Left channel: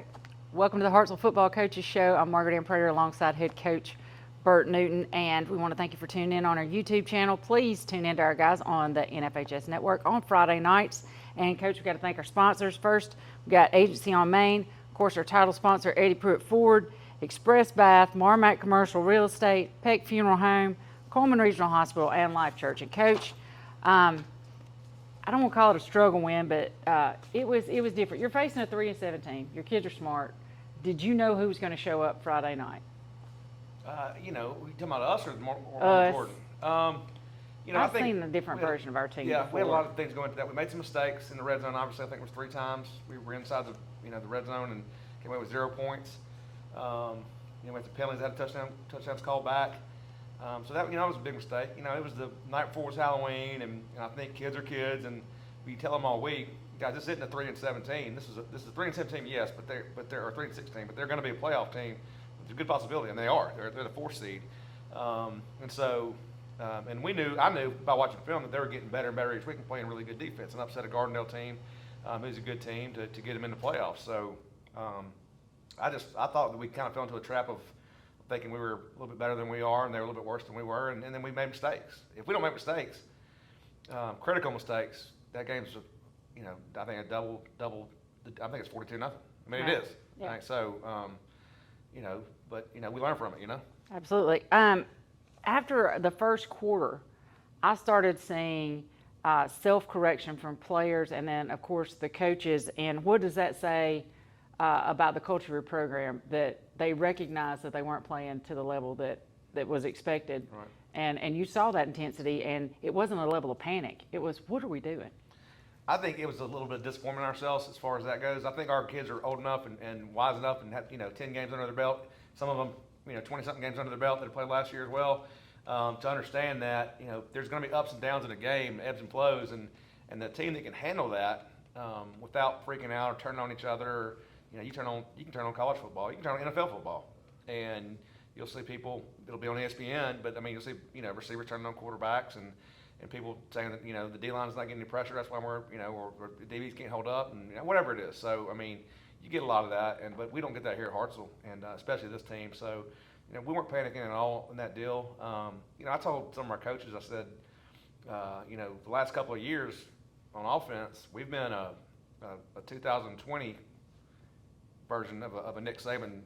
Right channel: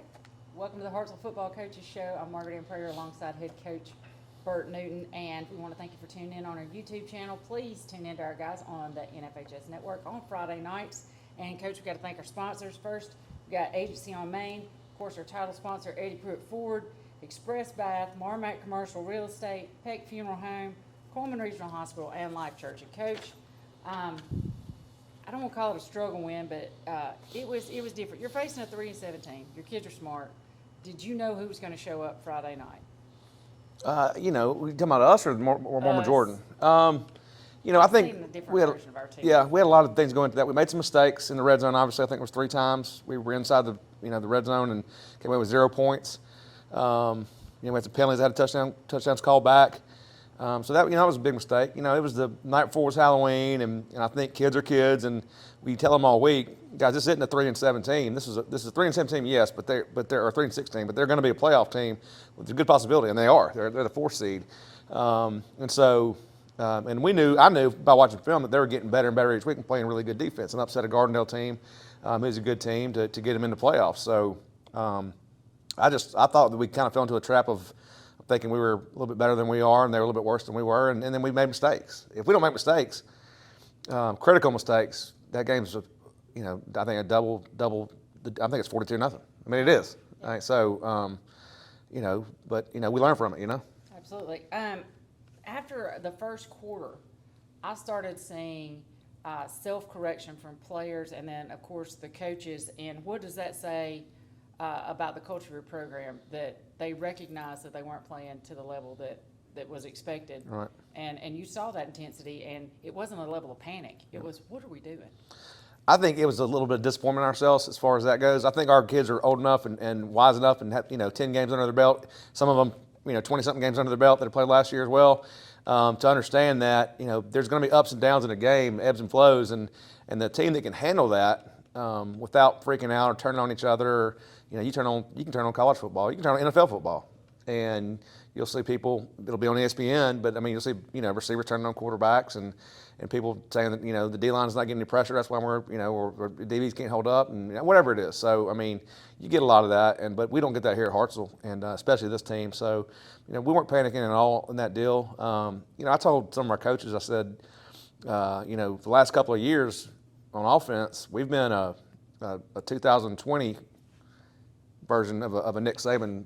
right. Welcome to the Hartselle Football Coaches Show. I'm Margaret Ann Prater alongside head coach Bert Newton, and we want to thank you for tuning in on our YouTube channel. Please tune in to our guys on the NFHS Network on Friday nights. And, Coach, we've got to thank our sponsors. First, we've got Agency on Maine, of course, our title sponsor, Eddie Pruitt Ford, Express Bath, Marmac Commercial Real Estate, Peck Funeral Home, Coleman Regional Hospital, and Life Church. And, Coach, I don't want to call it a struggle win, but it was different. You're facing a 3-7 team. Your kids are smart. Did you know who was going to show up Friday night? We talking about us or Mortimer Jordan? I've seen a different version of our team. Yeah, before. we had a lot of things going into that. We made some mistakes in the red zone. Obviously, I think it was 3 times. We were inside the red zone and came away with 0 points. We had some penalties. Had touchdowns called back. So that was a big mistake. It was the night before was Halloween, and I think kids are kids, and we tell them all week, guys, this isn't a 3-7 team. This is a 3-7 team, yes, but they're a 3-6 team, but they're going to be a playoff team with a good possibility, and they are. They're the 4th seed, and I knew by watching film that they were getting better and better each week and playing really good defense and upset a Gardendale team, who's a good team to get them into playoffs. So I thought that we kind of fell into a trap of thinking we were a little bit better than we are, and they were a little bit worse than we were, and then we made mistakes. If we don't make mistakes, critical mistakes, that game's, I think a double. I think it's 42-0. I mean, it is. Yeah. Right, so, but we learn from it. Absolutely. After the first quarter, I started seeing self-correction from players, and then of course the coaches. And what does that say about the culture of your program, that they recognized that they weren't playing to the level that was expected? Right. And you saw that intensity, and it wasn't a level of panic. It was, what are we doing? I think it was a little bit of disappointment in ourselves as far as that goes. I think our kids are old enough and wise enough and have 10 games under their belt. Some of them 20-something games under their belt that have played last year as well, to understand that there's going to be ups and downs in a game, ebbs and flows, and the team that can handle that without freaking out or turning on each other. Or, you can turn on college football, you can turn on NFL football, and you'll see people. It'll be on ESPN, but you'll see receivers turning on quarterbacks and people saying that the D line is not getting any pressure. That's why we're DBs can't hold up and whatever it is. So you get a lot of that, but we don't get that here at Hartselle, and especially this team. So we weren't panicking at all in that deal. I told some of our coaches, I said, the last couple of years on offense, we've been a 2020 version of a Nick Saban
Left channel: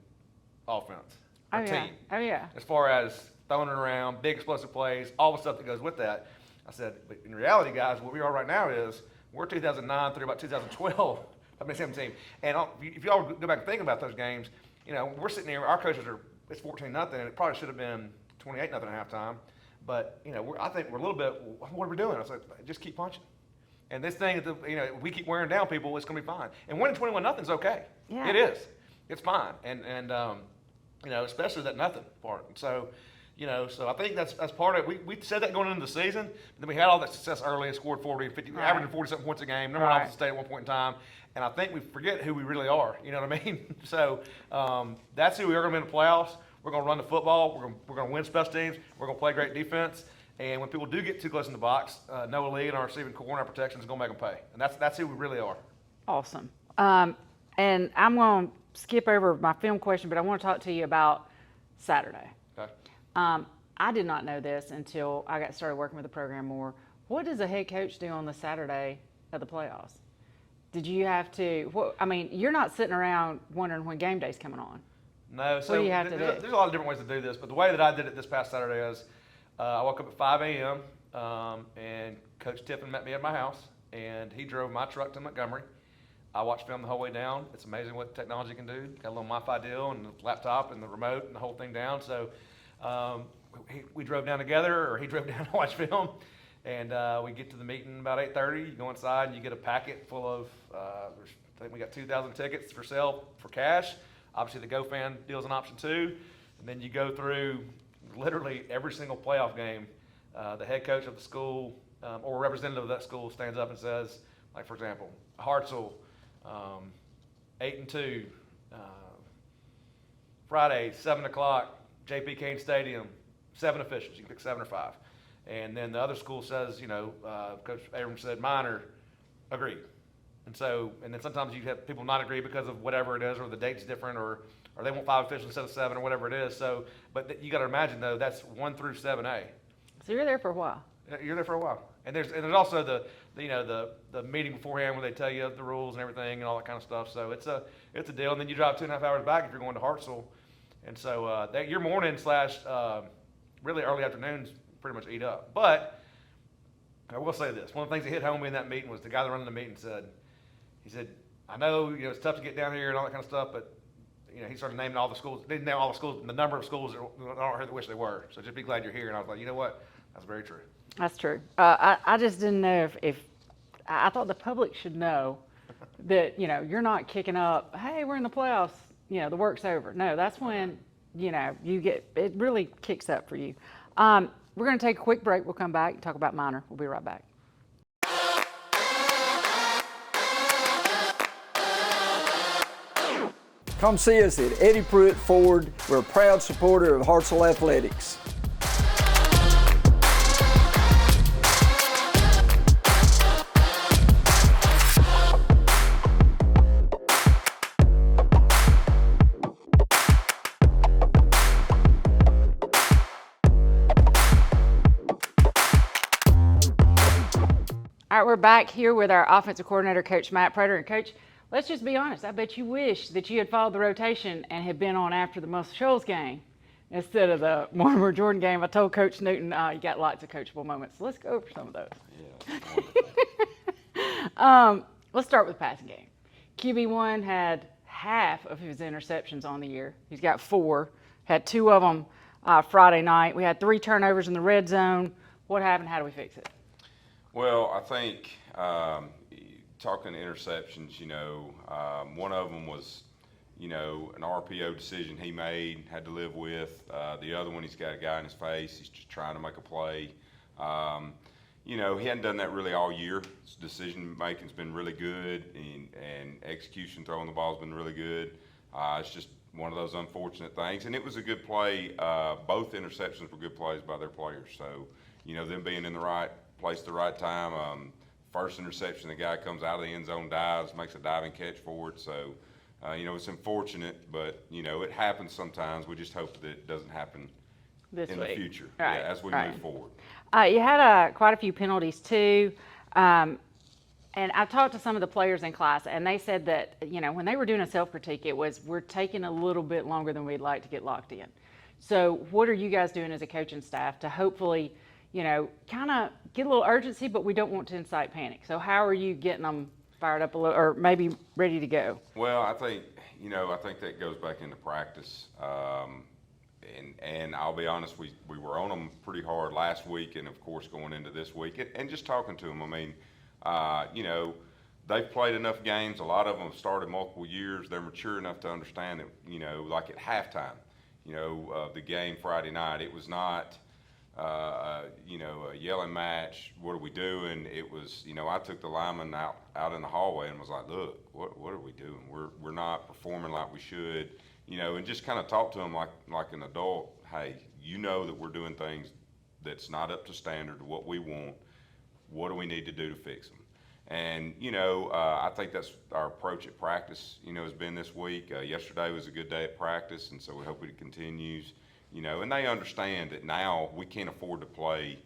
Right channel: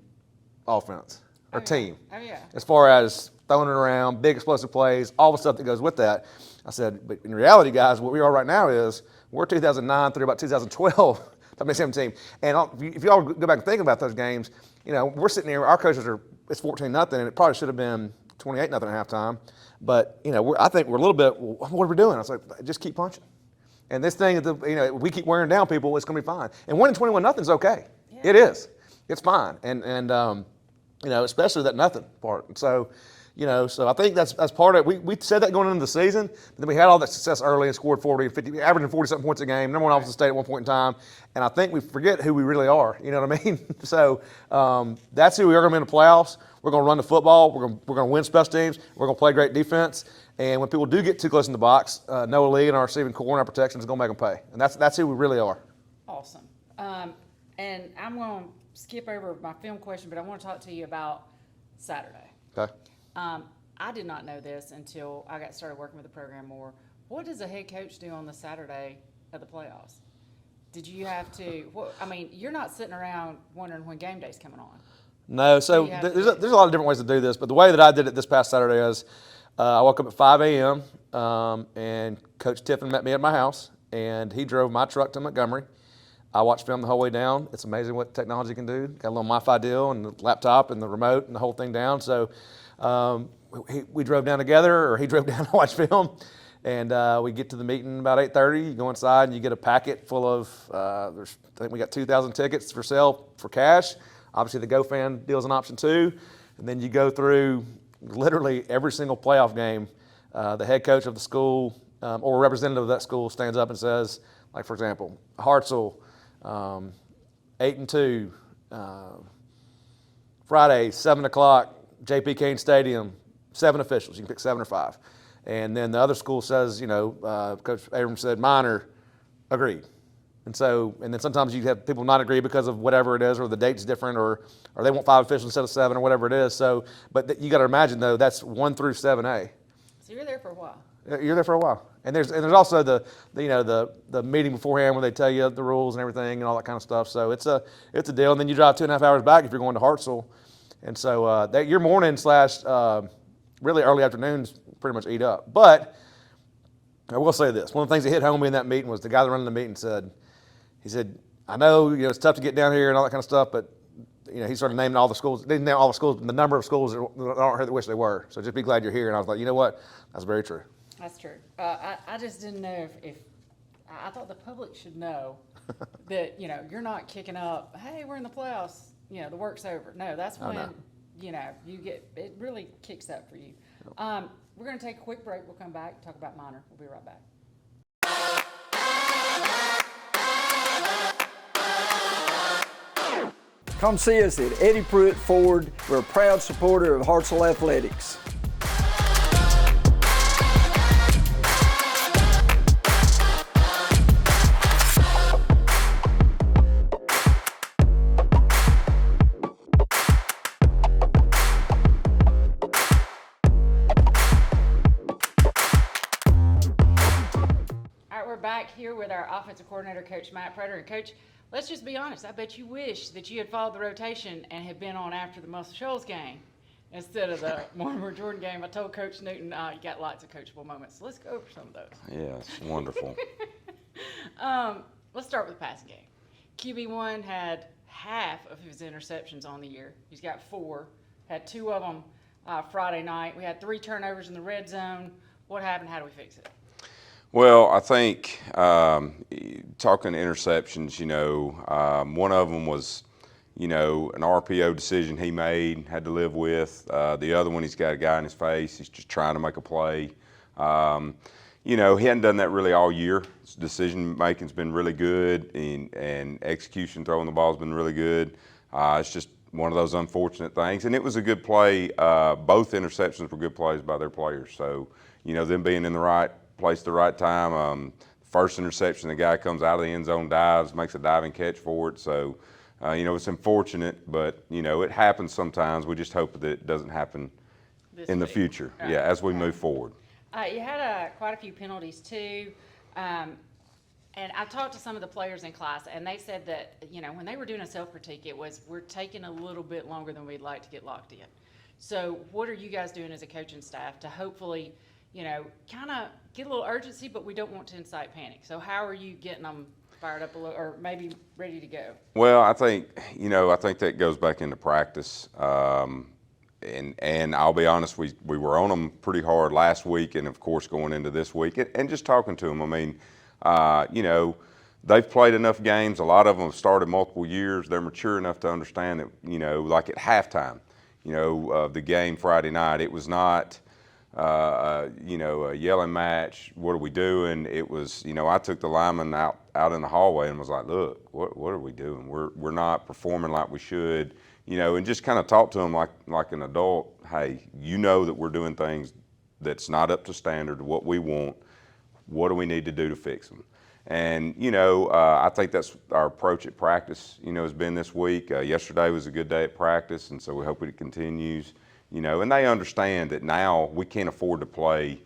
offense or team. Oh, yeah. As far as throwing it around, big explosive plays, all the stuff that goes with that. I said, but in reality, guys, what we are right now is we're 2009 through about 2012, that makes 17. And if y'all go back and think about those games, we're sitting here, our coaches it's 14-0, and it probably should have been 28-0 at halftime. But, I think we're a little bit, what are we doing? I was like, just keep punching. And this thing, we keep wearing down people, it's going to be fine. And winning 21-0 is okay. Yeah. It is. It's fine. And especially that nothing part. So, so I think that's part of it. We said that going into the season, but then we had all that success early and scored 40 and 50, averaging 40-something points a game, number 1 offensive state at one point in time. And I think we forget who we really are. You know what I mean? So that's who we are going to be in the playoffs. We're going to run the football. We're going to win special teams. We're going to play great defense. And when people do get too close in the box, Noah Lee and our receiving core and our protection is going to make them pay. And that's who we really are. Awesome. And I'm going to skip over my film question, but I want to talk to you about Saturday. Okay. I did not know this until I got started working with the program more. What does a head coach do on the Saturday of the playoffs? Did you have to? You're not sitting around wondering when game day's coming on. No. So there's a lot of different ways to do this, but the way that I did it this past Saturday is I woke up at 5 a.m. And Coach Tiffin met me at my house, and he drove my truck to Montgomery. I watched film the whole way down. It's amazing what technology can do. Got a little Wi-Fi deal and the laptop and the remote and the whole thing down. So we drove down together, or he drove down to watch film. And we get to the meeting about 8:30. You go inside and you get a packet full of, I think we got 2,000 tickets for sale for cash. Obviously the GoFan deal is an option too. And then you go through literally every single playoff game. The head coach of the school or a representative of that school stands up and says, like for example, Hartselle, 8-2, Friday, 7 o'clock, J.P. Kane Stadium, 7 officials. You can pick 7 or 5. And then the other school says, Coach Abrams said, Minor, agreed. And then sometimes you have people not agree because of whatever it is, or the date's different, or they want 5 officials instead of 7, or whatever it is. So, but you got to imagine though, that's 1 through 7A. So you're there for a while. You're there for a while. And there's also the meeting beforehand where they tell you the rules and everything and all that kind of stuff. So it's a deal. And then you drive 2.5 hours back if you're going to Hartselle. And so your morning / really early afternoons pretty much eat up. But I will say this: one of the things that hit home in that meeting was the guy that running the meeting said, I know it's tough to get down here and all that kind of stuff, but he started naming all the schools. They didn't name all the schools, the number of schools that aren't here that wish they were. So just be glad you're here. And I was like, you know what? That's very true. That's true. I just didn't know if I thought the public should know that you're not kicking up. Hey, we're in the playoffs. The work's over. No, that's when you get it really kicks up for you. We're going to take a quick break. We'll come back and talk about minor. We'll be right back. Come see us at Eddie Pruitt Ford. We're a proud supporter of Hartselle Athletics. All right, we're back here with our offensive coordinator, Coach Matt Prater. And Coach, let's just be honest. I bet you wish that you had followed the rotation and had been on after the Muscle Shoals game instead of the Mortimer Jordan game. I told Coach Newton, you got lots of coachable moments. So let's go over some of those. Yeah, it's wonderful. Let's start with the passing game. QB1 had half of his interceptions on the year. He's got 4, had 2 of them Friday night. We had 3 turnovers in the red zone. What happened? How do we fix it? Well, I think talking interceptions, one of them was, an RPO decision he made, had to live with. The other one, he's got a guy in his face. He's just trying to make a play. He hadn't done that really all year. His decision making's been really good, and execution, throwing the ball's been really good. It's just one of those unfortunate things. And it was a good play. Both interceptions were good plays by their players. So, them being in the right place at the right time. First interception, the guy comes out of the end zone, dives, makes a diving catch for it. So, it's unfortunate, but, it happens sometimes. We just hope that it doesn't happen in the future, as we move forward. You had quite a few penalties, too. And I've talked to some of the players in class, and they said that, when they were doing a self-critique, it was, we're taking a little bit longer than we'd like to get locked in. So what are you guys doing as a coaching staff to hopefully kind of get a little urgency, but we don't want to incite panic? So how are you getting them fired up a little, or maybe ready to go? Well, I think that goes back into practice. And I'll be honest, we were on them pretty hard last week, and of course going into this week, and just talking to them. I mean, they've played enough games. A lot of them have started multiple years. They're mature enough to understand that, like at halftime, the game Friday night, it was not a yelling match. What are we doing? It was, I took the lineman out in the hallway and was like, look, what are we doing? We're not performing like we should, and just kind of talk to them like an adult. Hey, that we're doing things that's not up to standard, what we want. What do we need to do to fix them? And, I think that's our approach at practice, has been this week. Yesterday was a good day at practice, and so we hope it continues. And they understand that now we can't afford to play,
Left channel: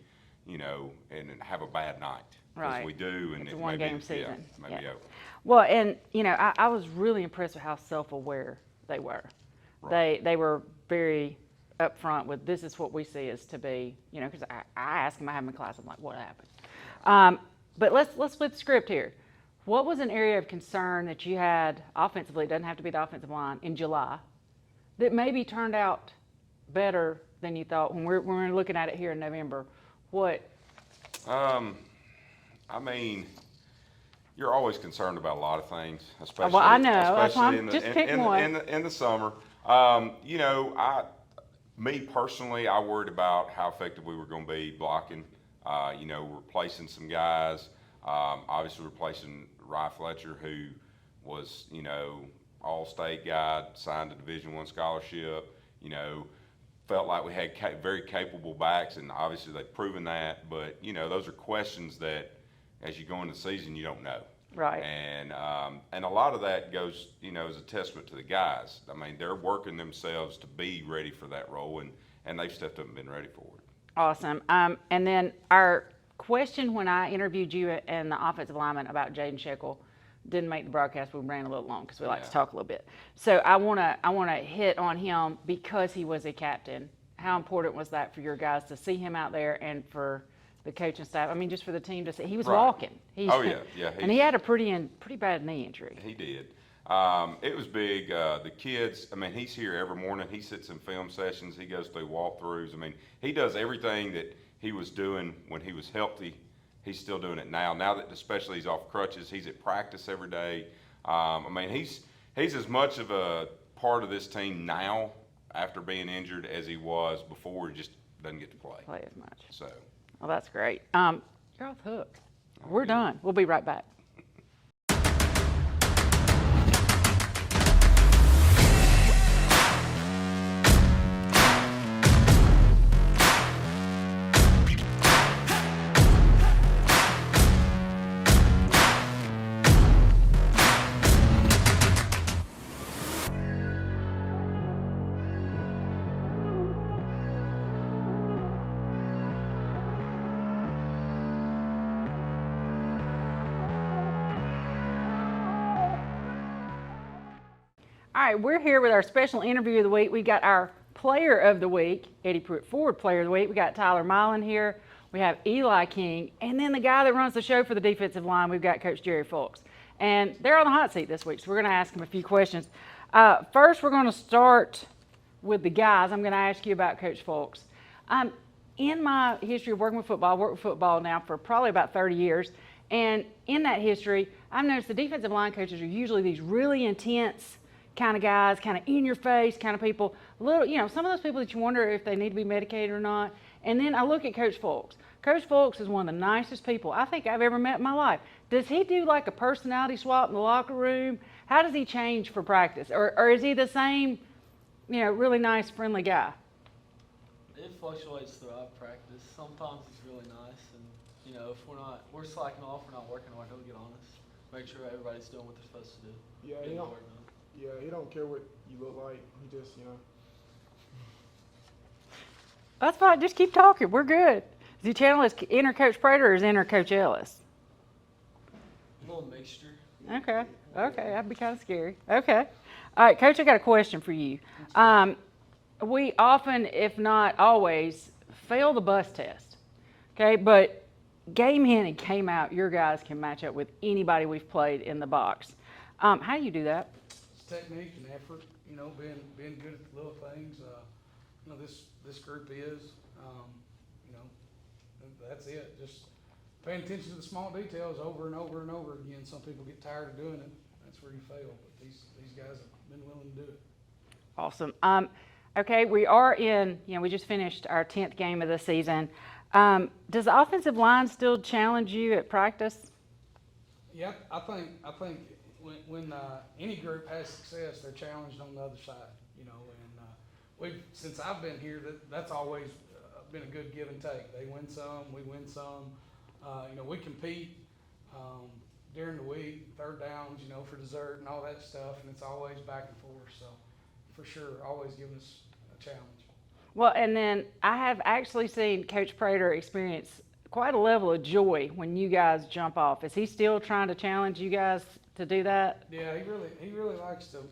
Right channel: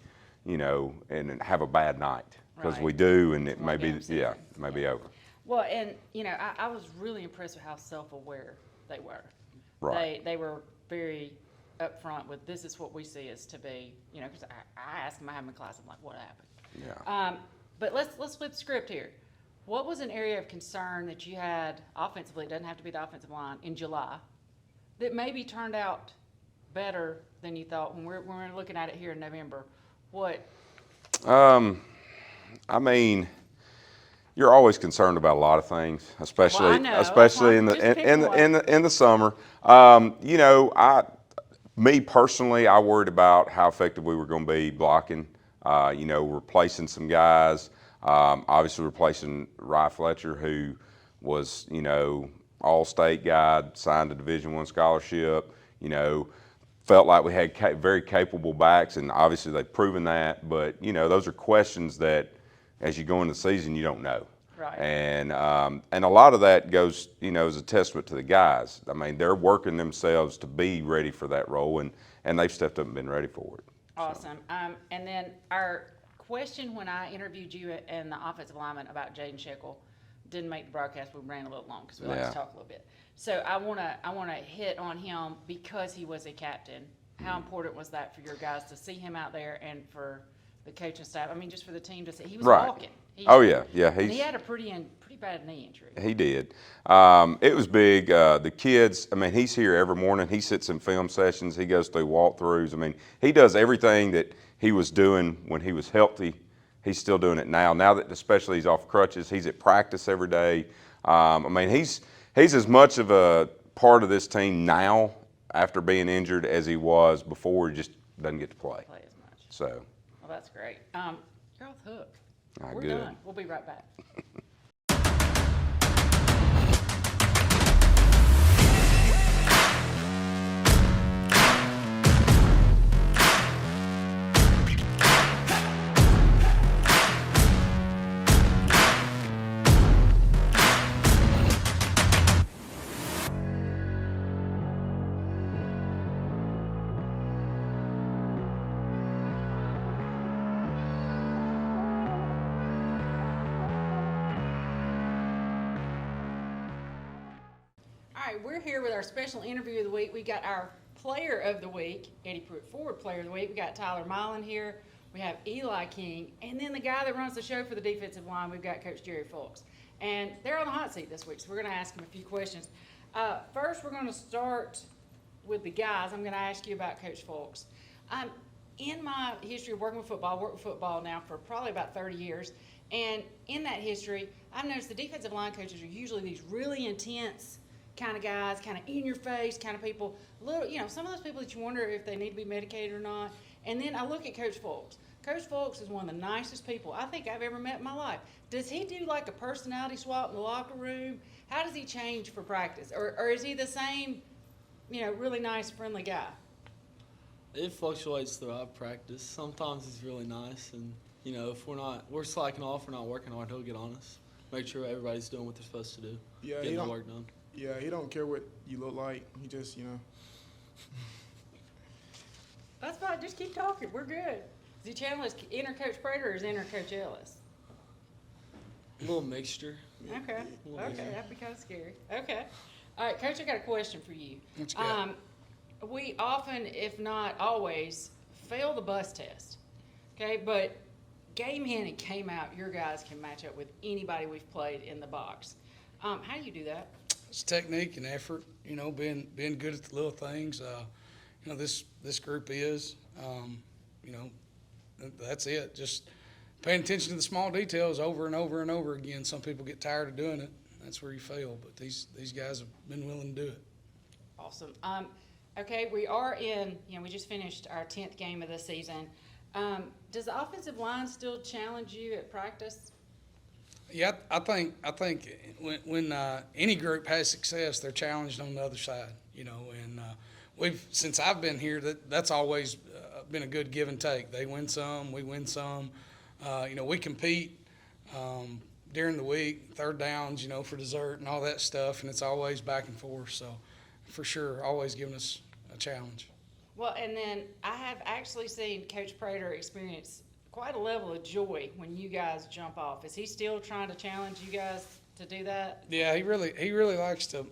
and have a bad night, because we do, and it may be, be over. Well, and I was really impressed with how self-aware they were. Right. They were very upfront with, this is what we see as to be, because I asked them, I have my class, I'm like, what happened? Yeah. But let's flip the script here. What was an area of concern that you had offensively, it doesn't have to be the offensive line, in July, that maybe turned out better than you thought when we're looking at it here in November? What? I mean, you're always concerned about a lot of things, especially I know. especially in the summer. Me personally, I worried about how effective we were going to be blocking. Replacing some guys. Obviously replacing Rye Fletcher, who was all-state guy, signed a Division I scholarship. Felt like we had very capable backs, and obviously they've proven that. But those are questions that, as you go into the season, you don't know. Right. And a lot of that goes, is a testament to the guys. I mean, they're working themselves to be ready for that role, and they've stepped up and been ready for it. Awesome. And then our question when I interviewed you and the offensive lineman about Jaden Shekel didn't make the broadcast. We ran a little long because we like to talk a little bit. So I wanna hit on him because he was a captain. How important was that for your guys to see him out there and for the coaching staff? I mean, just for the team to see he was walking. And he had a pretty bad knee injury. He did. It was big. The kids, I mean, he's here every morning. He sits in film sessions. He goes through walkthroughs. I mean, he does everything that he was doing when he was healthy. He's still doing it now. Now that especially he's off crutches, he's at practice every day. I mean, he's as much of a part of this team now after being injured as he was before. He just doesn't get to play as much. So. Well, that's great. You're off the hook. We're done. We'll be right back. All right, we're here with our special interview of the week. We got our player of the week, Eddie Pruitt Ford player of the week. We got Tyler Milan here. We have Eli King. And then the guy that runs the show for the defensive line, we've got Coach Jerry Fulks. And they're on the hot seat this week, so we're going to ask them a few questions. First, we're going to start with the guys. I'm going to ask you about Coach Fulks. In my history of working with football, I worked with football now for probably about 30 years. And in that history, I've noticed the defensive line coaches are usually these really intense kind of guys, kind of in your face kind of people. Some of those people that you wonder if they need to be medicated or not. And then I look at Coach Fulks. Coach Fulks is one of the nicest people I think I've ever met in my life. Does he do like a personality swap in the locker room? How does he change for practice? Or is he the same, really nice, friendly guy? It fluctuates throughout practice. Sometimes he's really nice, and if we're slacking off, we're not working hard, he'll get on us, make sure everybody's doing what they're supposed to do, getting the work done. Yeah, he don't care what you look like. He just, That's fine. Just keep talking. We're good. Is your channel is Inner Coach Prater or is Inner Coach Ellis? A little mixture. Okay. That'd be kind of scary. Okay. All right, Coach, I got a question for you. We often, if not always, fail the bus test. Okay, but game hinting came out. Your guys can match up with anybody we've played in the box. How do you do that? It's technique and effort, being good at the little things. This group is, that's it. Just paying attention to the small details over and over and over again. Some people get tired of doing it. That's where you fail. But these guys have been willing to do it. Awesome. Okay, we are in, we just finished our 10th game of the season. Does the offensive line still challenge you at practice? Yeah, I think when any group has success, they're challenged on the other side, and since I've been here, that's always been a good give and take. They win some, we win some. We compete during the week, third downs, for dessert and all that stuff, and it's always back and forth. So, for sure, always giving us a challenge. Well, and then I have actually seen Coach Prater experience quite a level of joy when you guys jump off. Is he still trying to challenge you guys to do that? Yeah, he really likes to.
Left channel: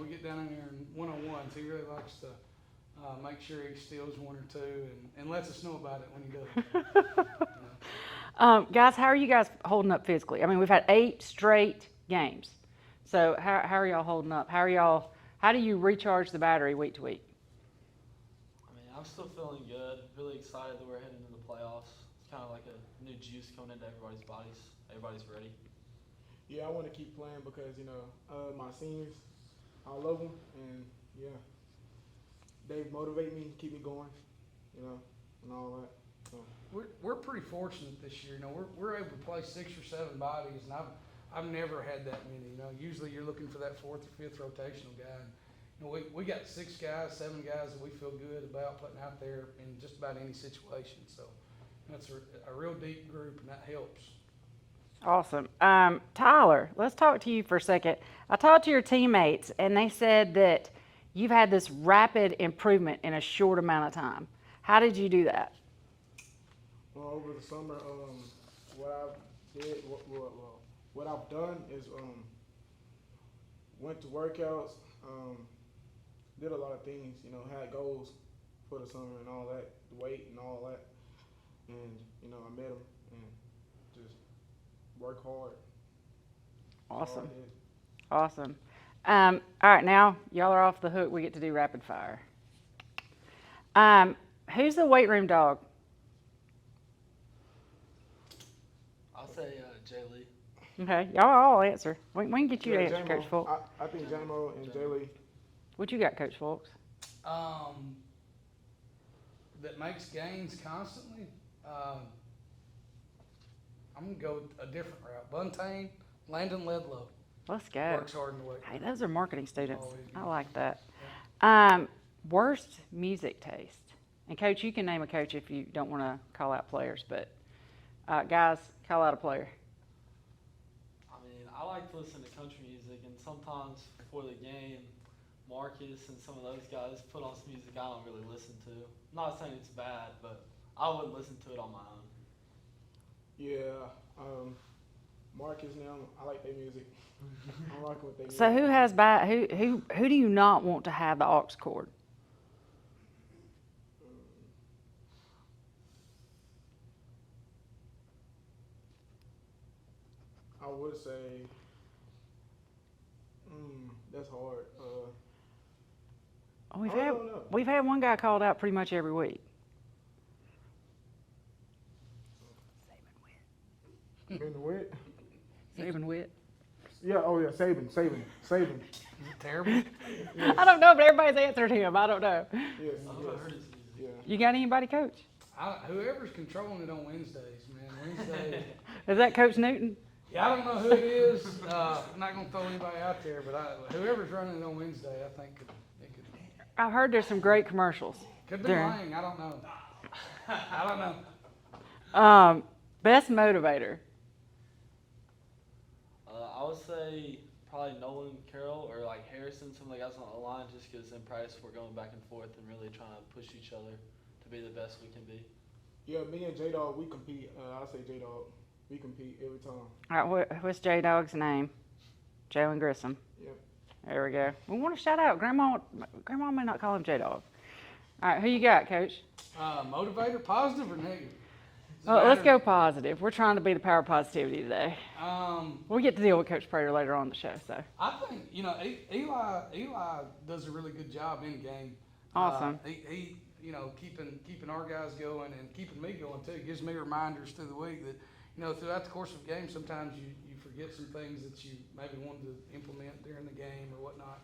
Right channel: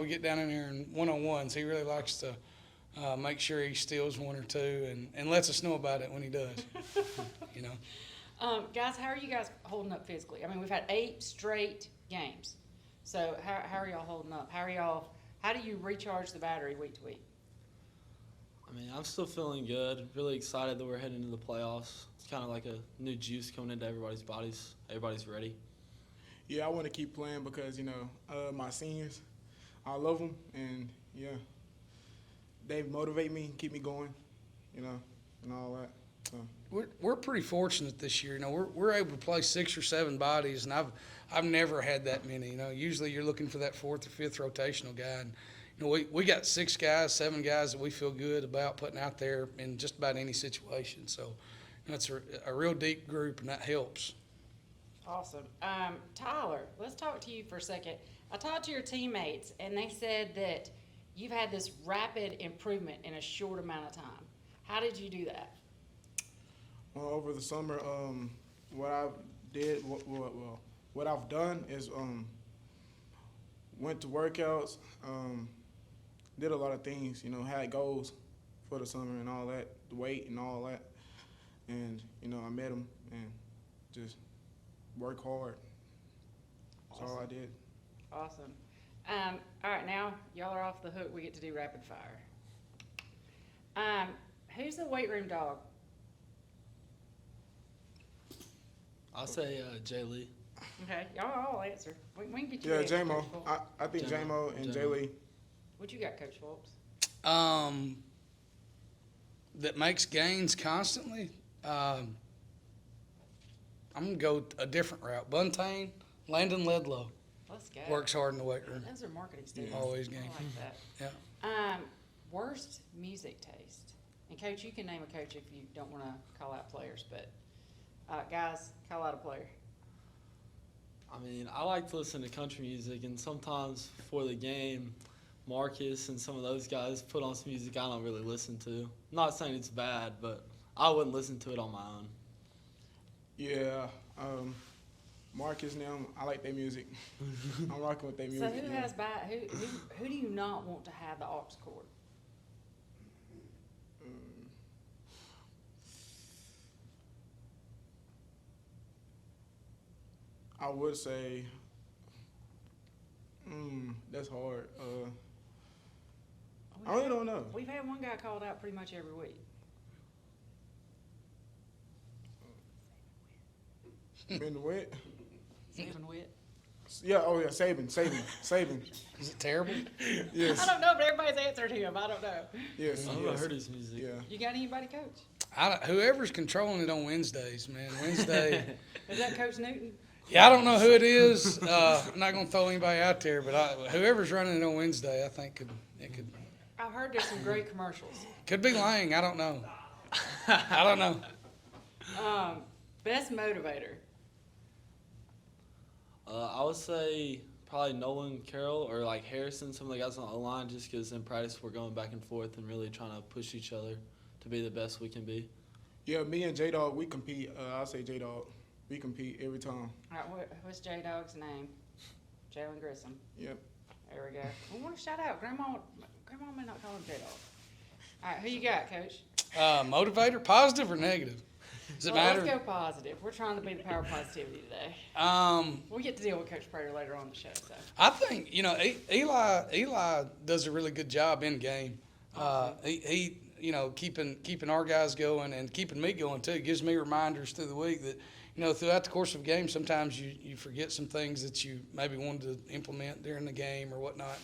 We get down in there in one-on-ones. He really likes to make sure he steals one or two and lets us know about it when he does. Guys, how are you guys holding up physically? I mean, we've had 8 straight games. So how are y'all holding up? How do you recharge the battery week to week? I mean, I'm still feeling good. Really excited that we're heading into the playoffs. It's kind of like a new juice coming into everybody's bodies. Everybody's ready. Yeah, I want to keep playing because, my seniors, I love them, and, they motivate me, keep me going, and all that. So. We're pretty fortunate this year. We're able to play 6 or 7 bodies, and I've never had that many. Usually you're looking for that 4th or 5th rotational guy. And, we got 6 guys, 7 guys that we feel good about putting out there in just about any situation. So it's a real deep group, and that helps. Awesome. Tyler, let's talk to you for a second. I talked to your teammates, and they said that you've had this rapid improvement in a short amount of time. How did you do that? Well, over the summer, what I did, what I've done is went to workouts, did a lot of things, you know, had goals for the summer and all that, the weight and all that. And, you know, I met them and just work hard. That's all I did. Awesome. All right, now y'all are off the hook. We get to do rapid fire. Who's the weight room dog? I'll say Jay Lee. Okay, y'all all answer. We can get you to answer, J-Mo. Coach Fulks. I think J-Mo and Jay Lee. What you got, Coach Fulks? That makes gains constantly. I'm going to go a different route. Buntain, Landon Ledlow. Let's go. Works hard in the weight room. Those are marketing students. Always I game. like that. Yeah. Worst music taste. And Coach, you can name a coach if you don't want to call out players, but guys, call out a player. I mean, I like to listen to country music, and sometimes before the game, Marcus and some of those guys put on some music I don't really listen to. I'm not saying it's bad, but I wouldn't listen to it on my own. Yeah, Marcus now, I like their music. I'm rocking with their music. So who has bad? Who do you not want to have the aux cord? I would say, that's hard. I don't know. We've had one guy called out pretty much every week. In the wet? Saban Witt. Yeah, Saban. Is it terrible? Yes. I don't know, but everybody's answered him. I don't know. Yes. I heard his music. Yeah. You got anybody, Coach? Whoever's controlling it on Wednesdays, man. Wednesday. Is that Coach Newton? Yeah, I don't know who it is. I'm not going to throw anybody out there, but whoever's running it on Wednesday, I think could I've heard there's some great commercials. could be Lang. I don't know. I don't know. Best motivator. I would say probably Nolan Carroll or like Harrison, some of the guys on the O-line, just because in practice we're going back and forth and really trying to push each other to be the best we can be. Yeah, me and J-Dog, we compete. I'll say J-Dog. We compete every time. All right, what's J-Dog's name? Jalen Grissom. Yep. There we go. We want to shout out. Grandma may not call him J-Dog. All right, who you got, Coach? Motivator, positive or negative? Does it Well, let's matter? go positive. We're trying to be the power of positivity today. We get to deal with Coach Prater later on in the show. So I think Eli does a really good job in game. Awesome. He keeping our guys going and keeping me going too. Gives me reminders through the week that throughout the course of the game, sometimes you forget some things that you maybe wanted to implement during the game or whatnot.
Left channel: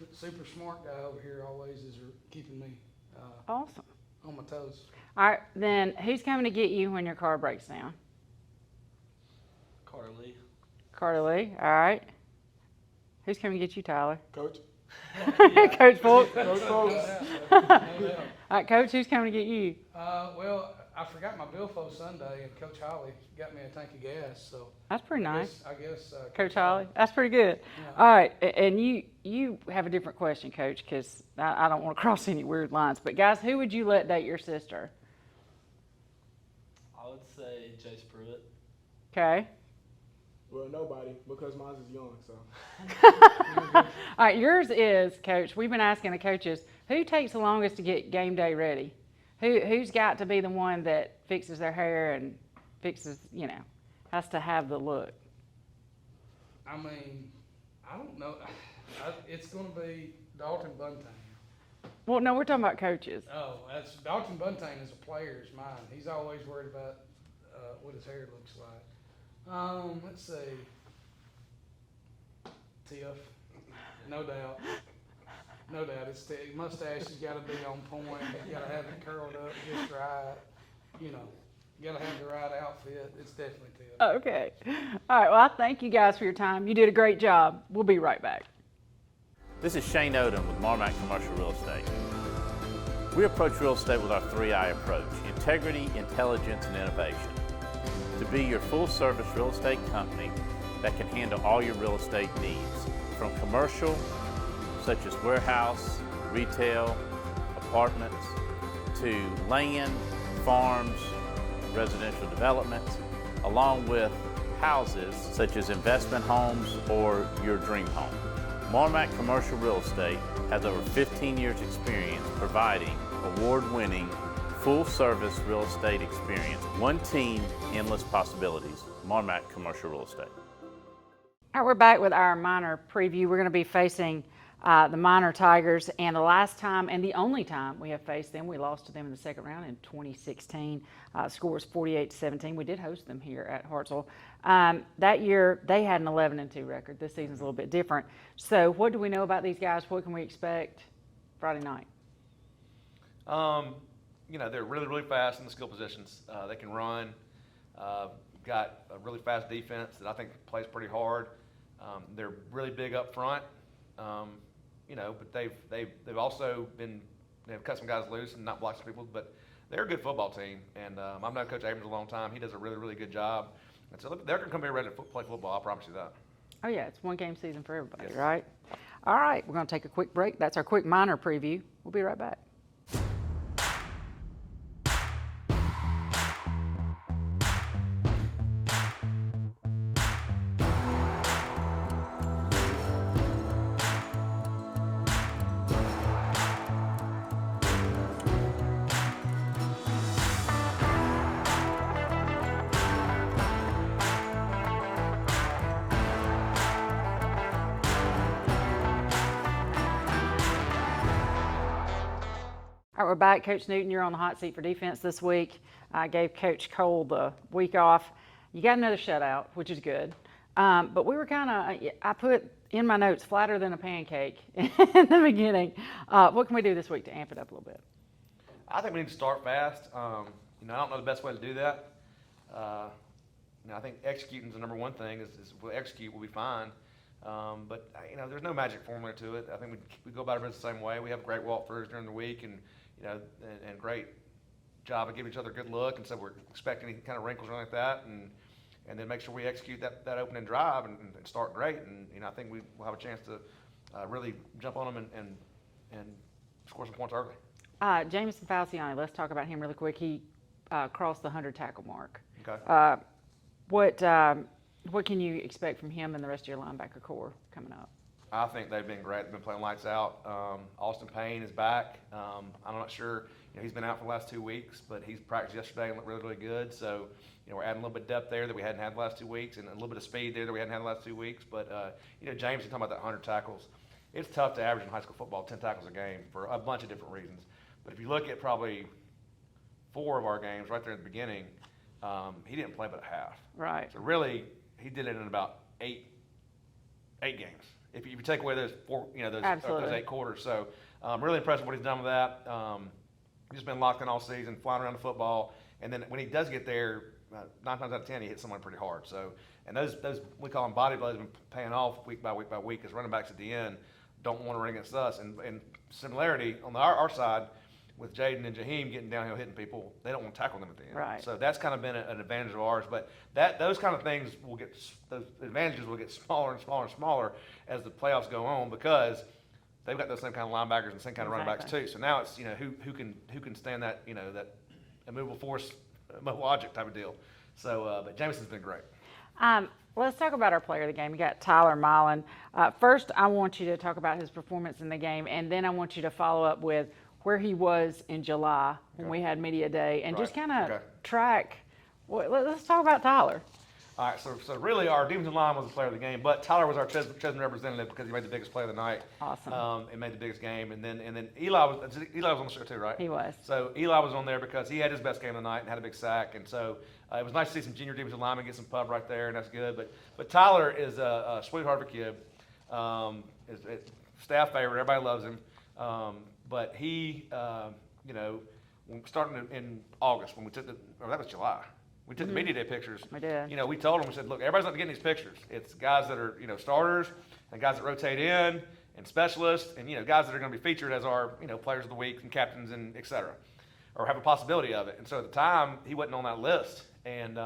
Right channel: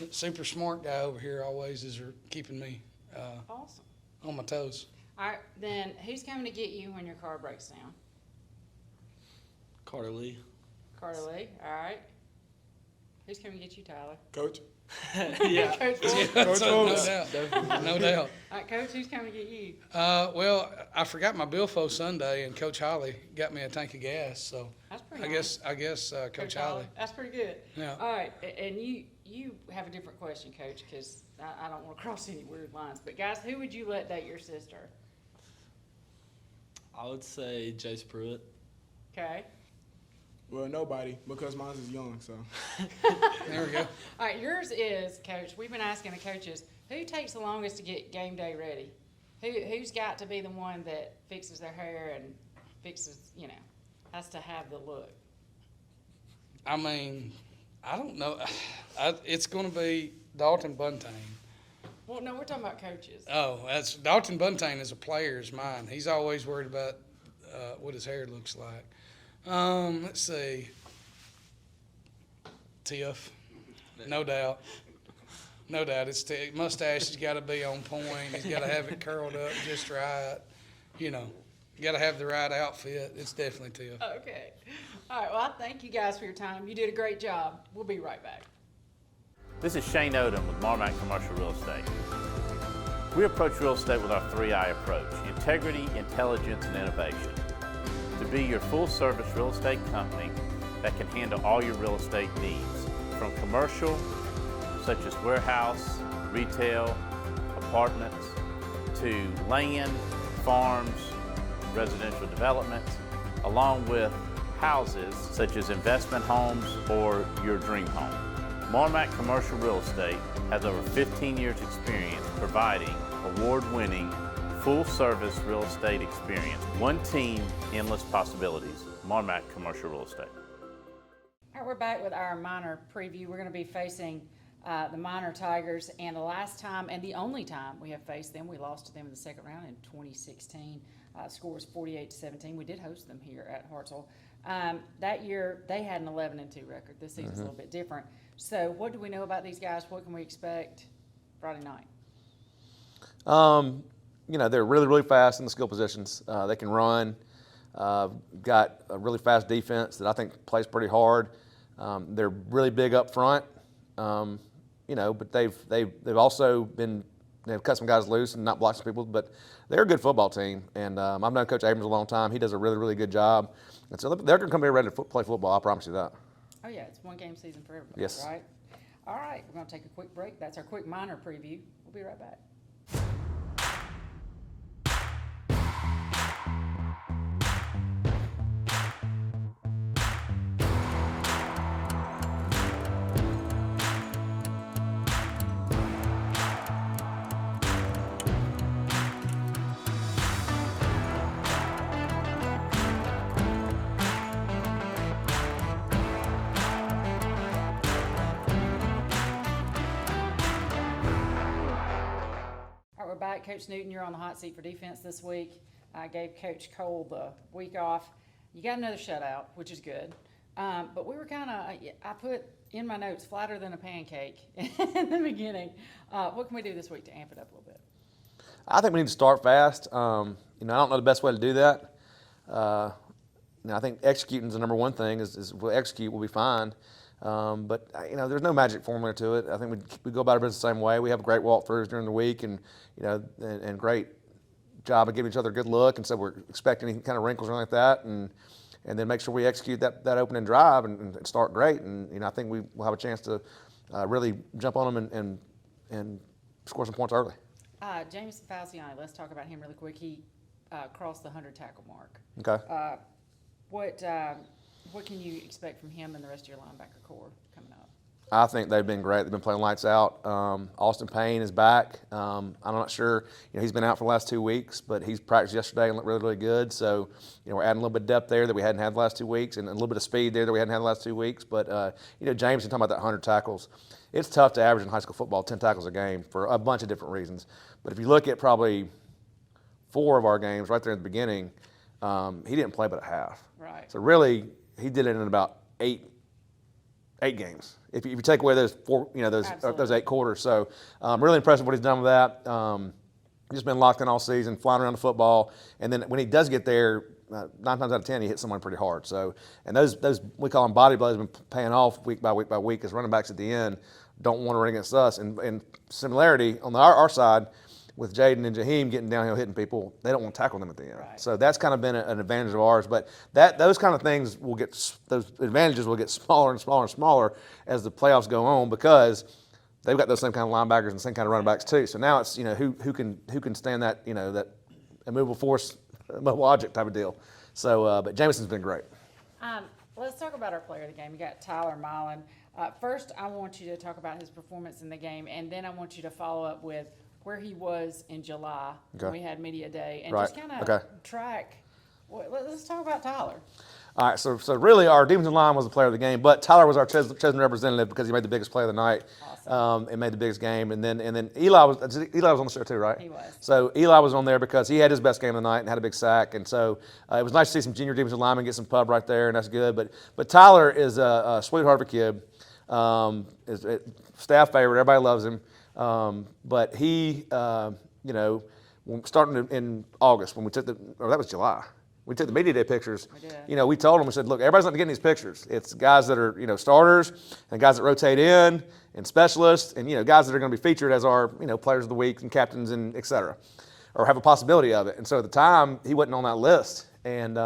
And super smart guy over here always is keeping me awesome. on my toes. All right, then who's coming to get you when your car breaks down? Carter Lee. Carter Lee. All right. Who's coming to get you, Tyler? Coach? Coach Fulks. No doubt. No doubt. All right, Coach, who's coming to get you? Well, I forgot my billfold Sunday, and Coach Holly got me a tank of gas. So That's pretty nice. I guess Coach Holly. That's pretty good. Yeah. All right, and you have a different question, Coach, because I don't want to cross any weird lines. But guys, who would you let date your sister? I would say Jace Pruitt. Okay. Well, nobody, because mine is young, so. There we go. All right, yours is, Coach. We've been asking the coaches, who takes the longest to get game day ready? Who's got to be the one that fixes their hair and fixes, has to have the look? I mean, I don't know. It's going to be Dalton Buntain. Well, no, we're talking about coaches. Oh, that's Dalton Buntain as a player is mine. He's always worried about what his hair looks like. Let's see. Tiff, no doubt. No doubt. It's mustache has got to be on point. He's got to have it curled up just right. You got to have the right outfit. It's definitely Tiff. Okay. All right, well, I thank you guys for your time. You did a great job. We'll be right back. This is Shane Odom with Marmac Commercial Real Estate. We approach real estate with our 3I approach: integrity, intelligence, and innovation. to be your full-service real estate company that can handle all your real estate needs, from commercial, such as warehouse, retail, apartments, to land, farms, residential developments, along with houses such as investment homes or your dream home. Mortimer Commercial Real Estate has over 15 years experience providing award-winning full-service real estate experience. One team, endless possibilities. Mortimer Commercial Real Estate. All right, we're back with our minor preview. We're going to be facing the Minor Tigers, and the last time and the only time we have faced them, we lost to them in the second round in 2016. Score was 48-17. We did host them here at Hartselle. That year, they had an 11-2 record. This season's a little bit different. So what do we know about these guys? What can we expect Friday night? You know, they're really, really fast in the skill positions. They can run. Got a really fast defense that I think plays pretty hard. They're really big up front. You know, but they've also they've cut some guys loose and not blocked some people, but they're a good football team. And I've known Coach Abrams a long time. He does a really, really good job. And so they're going to come here ready to play football. I promise you that. Oh yeah, it's one game season for everybody, Yes. right? All right, we're going to take a quick break. That's our quick minor preview. We'll be right back. All right, we're back. Coach Newton, you're on the hot seat for defense this week. I gave Coach Cole the week off. You got another shutout, which is good. But we were I put in my notes, flatter than a pancake in the beginning. What can we do this week to amp it up a little bit? I think we need to start fast. You know, I don't know the best way to do that. You know, I think executing is the number one thing. Is if we execute, we'll be fine. But you know, there's no magic formula to it. I think we go about our business the same way. We have great walkthroughs during the week, and you know, and great job of giving each other a good look. And so we're expecting any kind of wrinkles or anything like that, and then make sure we execute that opening drive and start great. And you know, I think we'll have a chance to really jump on them and score some points early. Jamison Falciani, let's talk about him really quick. He crossed the 100 tackle mark. Okay. What can you expect from him and the rest of your linebacker corps coming up? I think they've been great. They've been playing lights out. Austin Payne is back. I'm not sure. You know, he's been out for the last 2 weeks, but he's practiced yesterday and looked really, really good. So, you know, we're adding a little bit of depth there that we hadn't had the last 2 weeks, and a little bit of speed there that we hadn't had the last 2 weeks. But you know, James, talking about that 100 tackles, it's tough to average in high school football 10 tackles a game for a bunch of different reasons. But if you look at probably 4 of our games right there at the beginning, he didn't play but a half. Right. So really, he did it in about eight games. If you take away those 4, you know, those 8 quarters. So really impressed with what he's done with that. Just been locked in all season, flying around the football, and then when he does get there, 9 times out of 10 he hits someone pretty hard. So, and those we call them body blows, been paying off week by week by week, as running backs at the end don't want to run against us. And similarity on our side, with Jaden and Jaheim getting downhill hitting people, they don't want to tackle them at the end. Right. So that's kind of been an advantage of ours. But those kind of things those advantages will get smaller and smaller and smaller as the playoffs go on, because they've got those same kind of linebackers and same kind of running backs too. So now it's, you know, who can stand that, you know, that immovable force, mobile object type of deal. So but Jamison's been great. Let's talk about our player of the game. You got Tyler Milan. First, I want you to talk about his performance in the game, and then I want you to follow up with where he was in July when we had media day, and just kind of track. Well, let's talk about Tyler. All right, so really our defensive line was the player of the game, but Tyler was our chosen representative because he made the biggest play of the night. Awesome. And made the biggest game, and then Eli was on the show too, right? He was. So Eli was on there because he had his best game of the night and had a big sack, and so it was nice to see some junior defensive linemen get some pub right there, and that's good. But Tyler is a sweetheart of a kid, is a staff favorite. Everybody loves him. But he, you know, starting in August when we took that was July. We took the media day pictures. We did. You know, we told them, we said, look, everybody's not getting these pictures. It's guys that are, you know, starters and guys that rotate in and specialists and, you know, guys that are going to be featured as our, you know, players of the week and captains and et cetera, or have a possibility of it. And so at the time, he wasn't on that list. And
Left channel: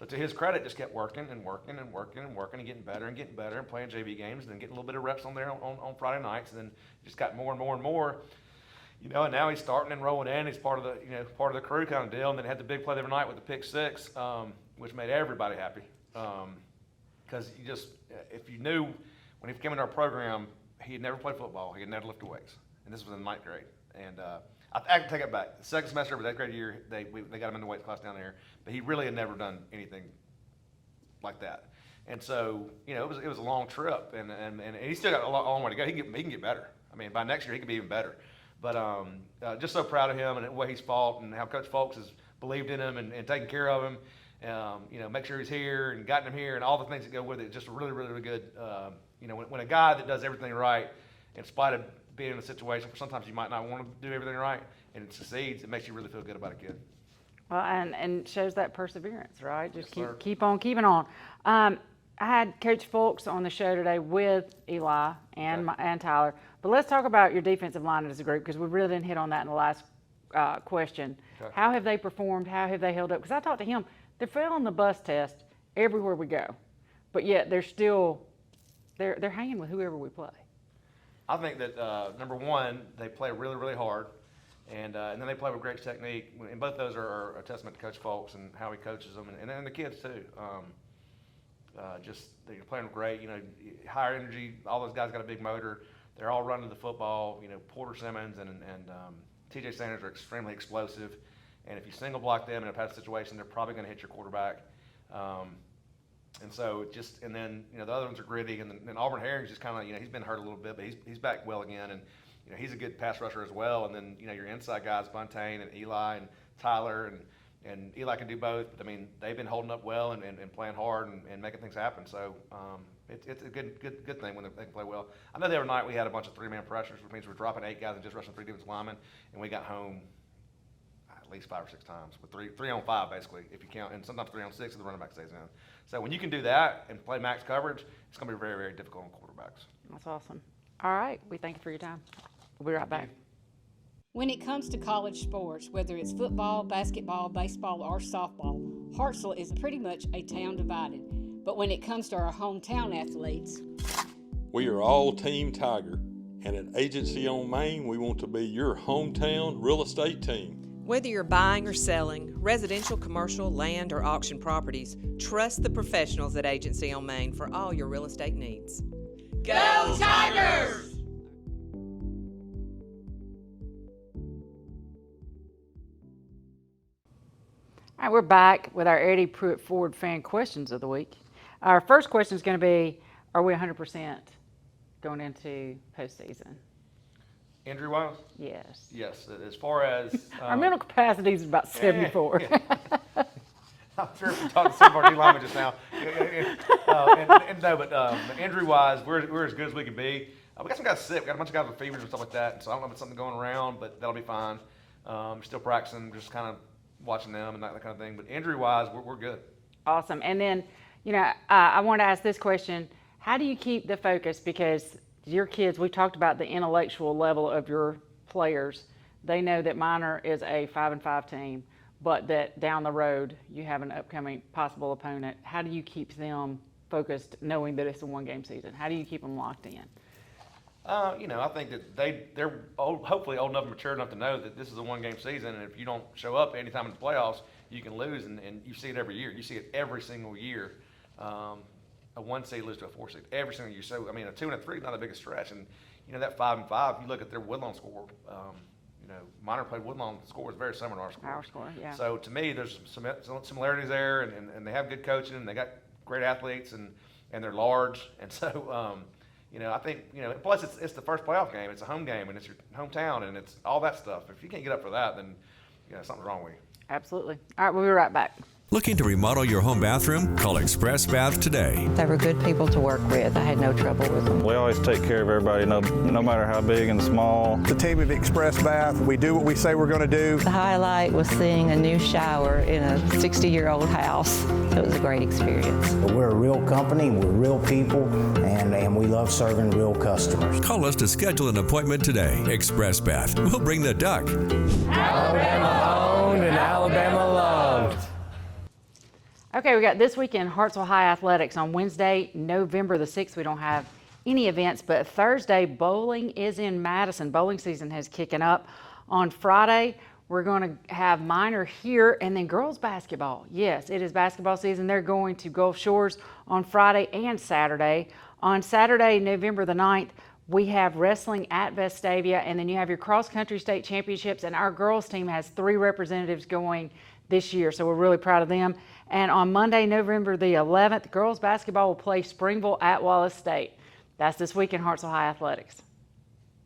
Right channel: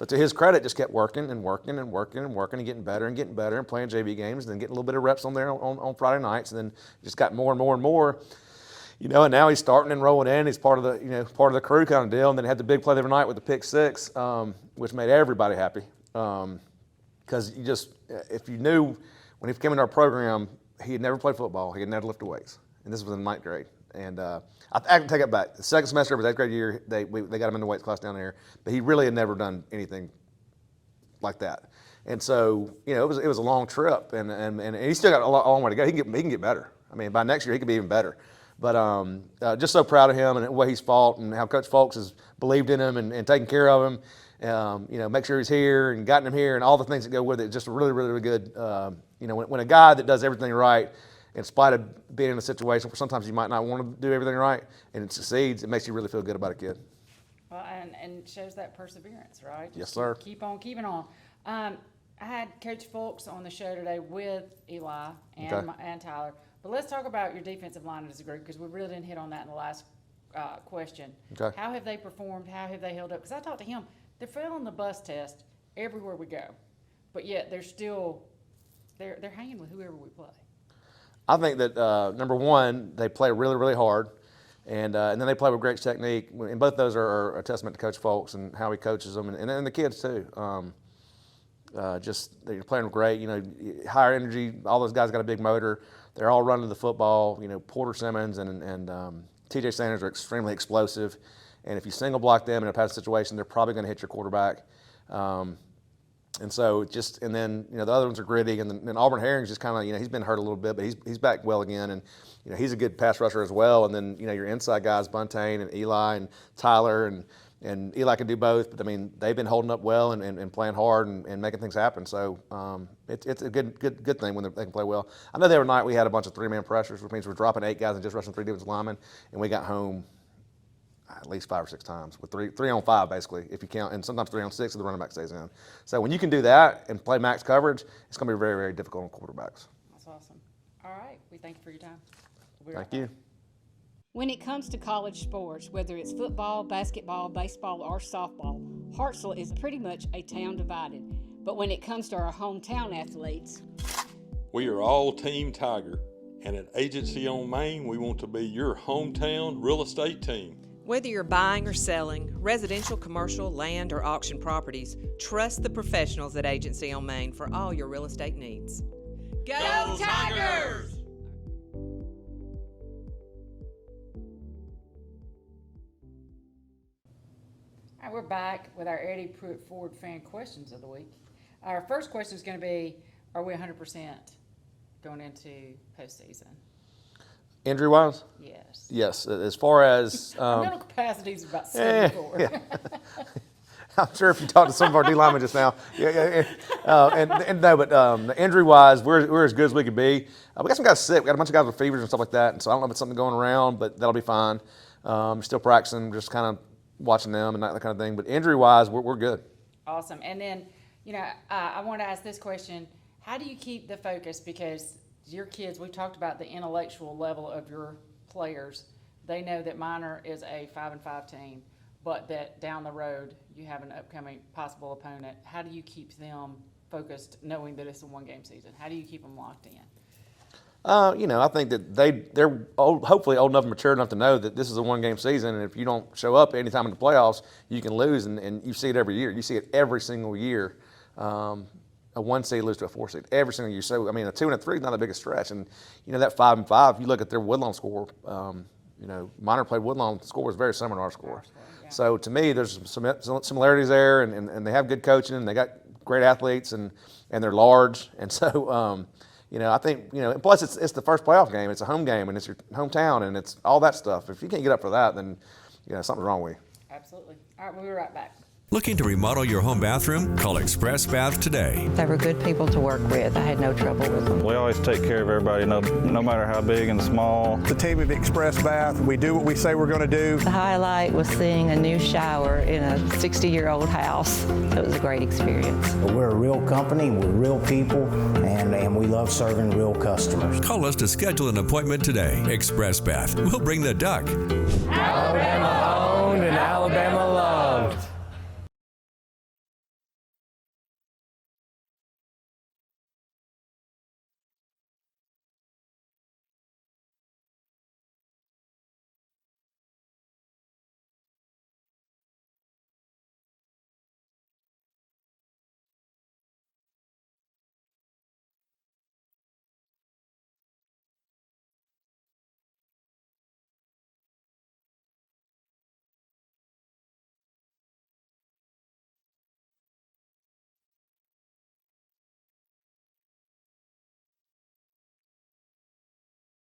So to his credit, just kept working and working and working and working and getting better and playing JV games and then getting a little bit of reps on there on Friday nights, and then just got more and more and more. And now he's starting and rolling in. He's part of the crew kind of deal. And then had the big play the other night with the pick six, which made everybody happy. Because if you knew when he came into our program, he had never played football. He had never lifted weights, and this was in 9th grade. And I can take it back. The second semester of his 8th grade year, they got him in the weights class down there, but he really had never done anything like that. And so it was a long trip, and he's still got a long way to go. He can get better. I mean, by next year he could be even better. But just so proud of him and the way he's fought and how Coach Folks has believed in him and taken care of him. Make sure he's here and gotten him here and all the things that go with it. Just really, really, really good. When a guy that does everything right, in spite of being in a situation where sometimes you might not want to do everything right, and it succeeds, it makes you really feel good about a kid. Well, and shows that perseverance, right? Yes, sir. Keep on keeping on. I had Coach Folks on the show today with Eli and Tyler. But let's talk about your defensive line as a group, because we really didn't hit on that in the last question. Okay. How have they performed? How have they held up? Because I talked to him. They're failing the bus test everywhere we go, but yet they're still they're hanging with whoever we play. I think that number one, they play really, really hard, and then they play with great technique. And both those are a testament to Coach Folks and how he coaches them, and then the kids too. They're playing great. Higher energy. All those guys got a big motor. They're all running the football. Porter Simmons and T.J. Sanders are extremely explosive, and if you single block them in a pass situation, they're probably going to hit your quarterback. And then the other ones are gritty, and then Auburn Herring's just kind of he's been hurt a little bit, but he's back well again, and he's a good pass rusher as well. And then your inside guys, Buntain and Eli and Tyler, and Eli can do both, but I mean they've been holding up well and playing hard and making things happen. So it's a good thing when they can play well. I know the other night we had a bunch of 3-man pressures, which means we're dropping 8 guys and just rushing 3 defensive linemen, and we got home at least 5 or 6 times with 3 on 5 basically, if you count, and sometimes 3 on 6 if the running back stays in. So when you can do that and play max coverage, it's going to be very, very difficult on quarterbacks. That's awesome. All right, we thank you for your time. We'll be right back. Thank you. When it comes to college sports, whether it's football, basketball, baseball, or softball, Hartselle is pretty much a town divided. But when it comes to our hometown athletes, we are all Team Tiger, and at Agency on Maine, we want to be your hometown real estate team. Whether you're buying or selling, residential, commercial, land, or auction properties, trust the professionals at Agency on Maine for all your real estate needs. Go Tigers! All right, we're back with our Eddie Pruitt Ford fan questions of the week. Our first question is going to be, are we 100% going into postseason? Injury-wise? Yes. Yes. As far as our mental capacity is about 74. Yeah. I'm sure if you talk to some of our D linemen just now, but injury-wise, we're as good as we can be. We got some guys sick. We got a bunch of guys with fevers and stuff like that, and so I don't know if it's something going around, but that'll be fine. Still practicing, just kind of watching them and that kind of thing. But injury-wise, we're good. Awesome. And then, I want to ask this question: how do you keep the focus? Because your kids, we talked about the intellectual level of your players. They know that Minor is a 5-5 team, but that down the road you have an upcoming possible opponent. How do you keep them focused, knowing that it's a 1-game season? How do you keep them locked in? I think that they're hopefully old enough and mature enough to know that this is a 1-game season, and if you don't show up anytime in the playoffs, you can lose, and you see it every year. You see it every single year. A 1 seed lose to a 4 seed every single year. So, I mean, a 2 and a 3 is not the biggest stretch. And, that 5-5, you look at their Woodlawn score, Minor played Woodlawn, the score was very similar to our score. Yeah. So, to me, there's some similarities there, and they have good coaching, and they got great athletes, and they're large. And so, I think, plus it's the first playoff game. It's a home game, and it's your hometown, and it's all that stuff. If you can't get up for that, then, something's wrong with you. Absolutely. All right, we'll be right back. Looking to remodel your home bathroom? Call Express Bath today. They were good people to work with. I had no trouble with them. We always take care of everybody, no matter how big and small. The team at Express Bath, we do what we say we're going to do. The highlight was seeing a new shower in a 60-year-old house. It was a great experience. We're a real company, we're real people, and we love serving real customers. Call us to schedule an appointment today. Express Bath. We'll bring the duck. Alabama owned and Alabama loved. Okay, we got this weekend Hartselle High Athletics on Wednesday, November the 6th. We don't have any events, but Thursday, bowling is in Madison. Bowling season has kicking up. On Friday, we're going to have minor here, and then girls basketball. Yes, it is basketball season. They're going to Gulf Shores on Friday and Saturday. On Saturday, November the 9th, we have wrestling at Vestavia, and then you have your cross-country state championships, and our girls team has 3 representatives going this year, so we're really proud of them. And on Monday, November the 11th, girls basketball will play Springville at Wallace State. That's this week in Hartselle High Athletics.